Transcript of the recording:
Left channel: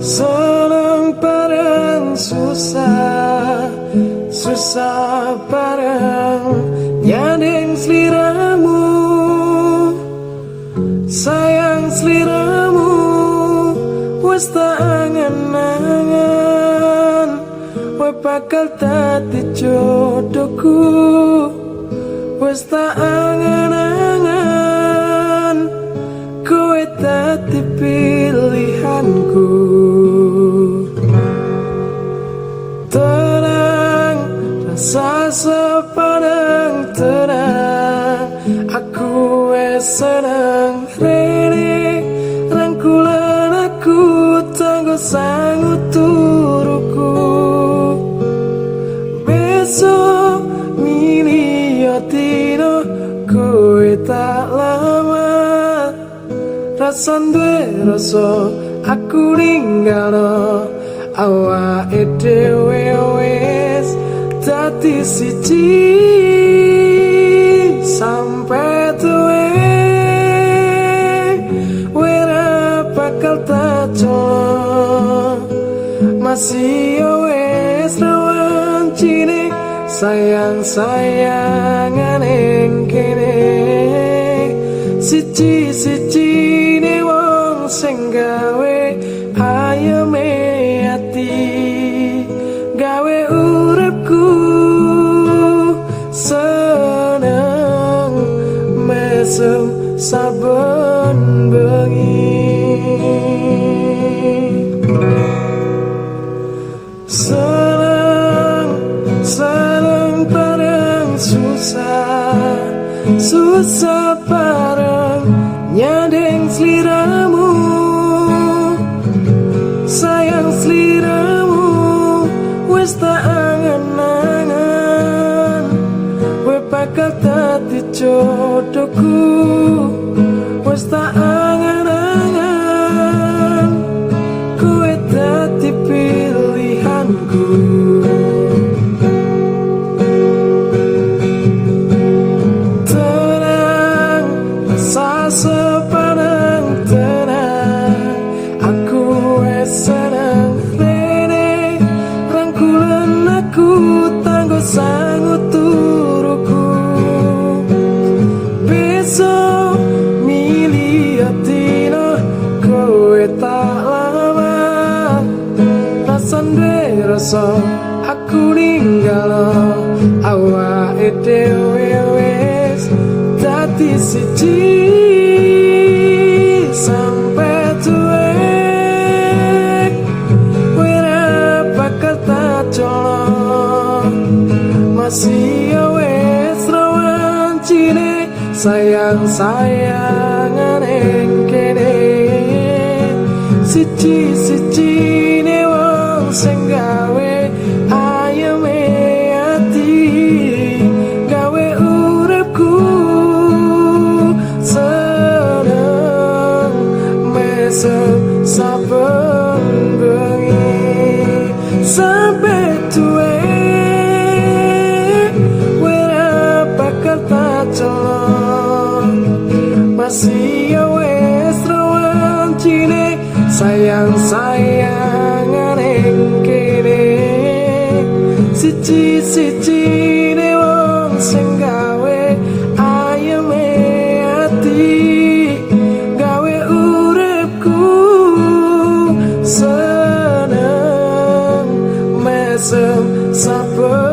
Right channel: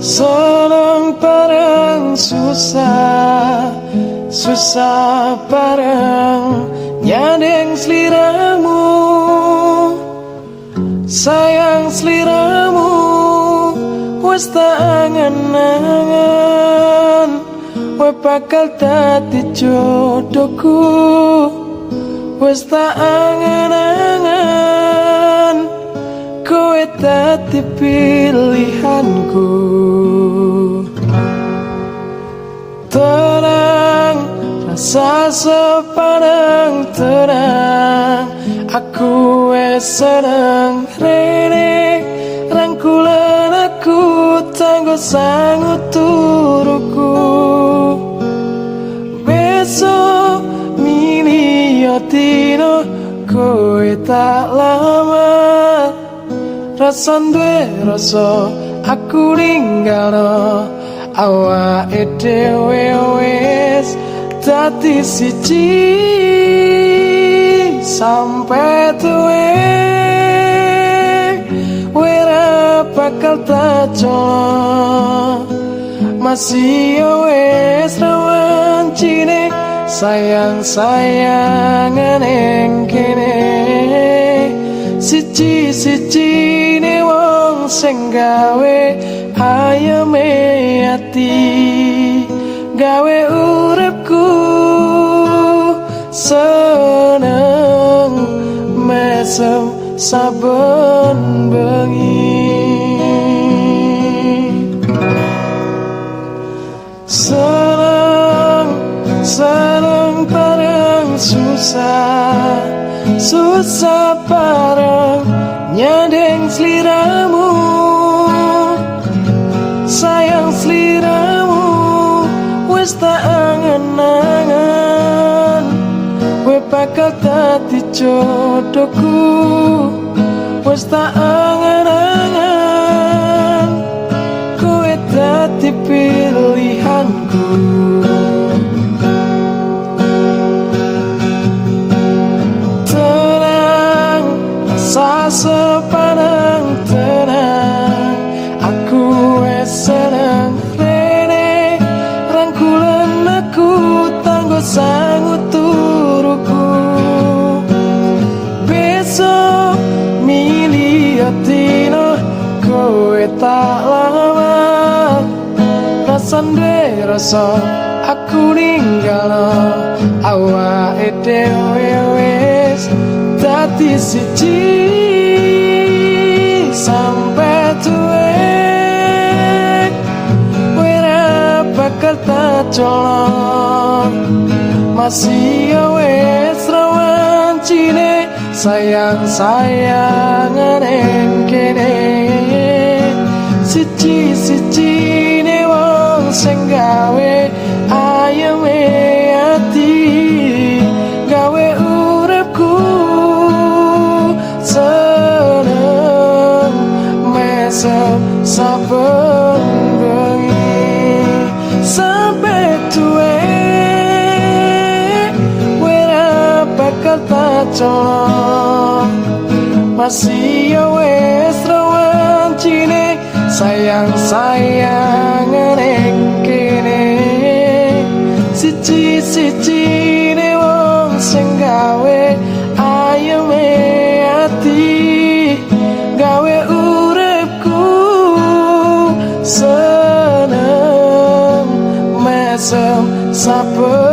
Senang bareng susah, susah bareng nyadeng seliramu, sayang seliramu, wes tak angen-angen, we bakal dadi jodohku, wes tak angen-angen, kowe dadi pilihanku. Tenang, rasa sepadang tenang, aku wes senang rene, rangkulan aku tanggo sangut turuku. Besok milio dino kowe tak lama, rasan duwe rasa aku linggalo, awake dhewe wis dadi siji sampai tuwe, wira bakal tak colong, masih wis rawan cine sayang-sayangan ing kene, siji-siji ne wong sing gawe ayeme ati, gawe uripku seneng mesem saben bengi. Seneng bareng susah, susah bareng nyadeng seliramu, sayang seliramu, wes tak angen-angen, we bakal dadi jodohku, wes tak angen-angen, kowe dadi pilihanku. Sepanang tenang, aku wes senang rene, rangkulan aku tanggo sangut turuku. Besok milih dino kowe tak lama, rasan duwe rasa aku ninggalo, awake dhewe wis dadi siji sampai tuwe, wira bakal tak colong, masih wis rawan cine sayang-sayangan ing kene, siji-siji ne wong sing gawe ayeme ati, gawe uripku saben bengi sampai tuwe, wira bakal tak colong, masih wis rawan cine sayang-sayangan ing kene, siji-siji ne wong sing gawe ayeme ati, gawe uripku seneng mesem saben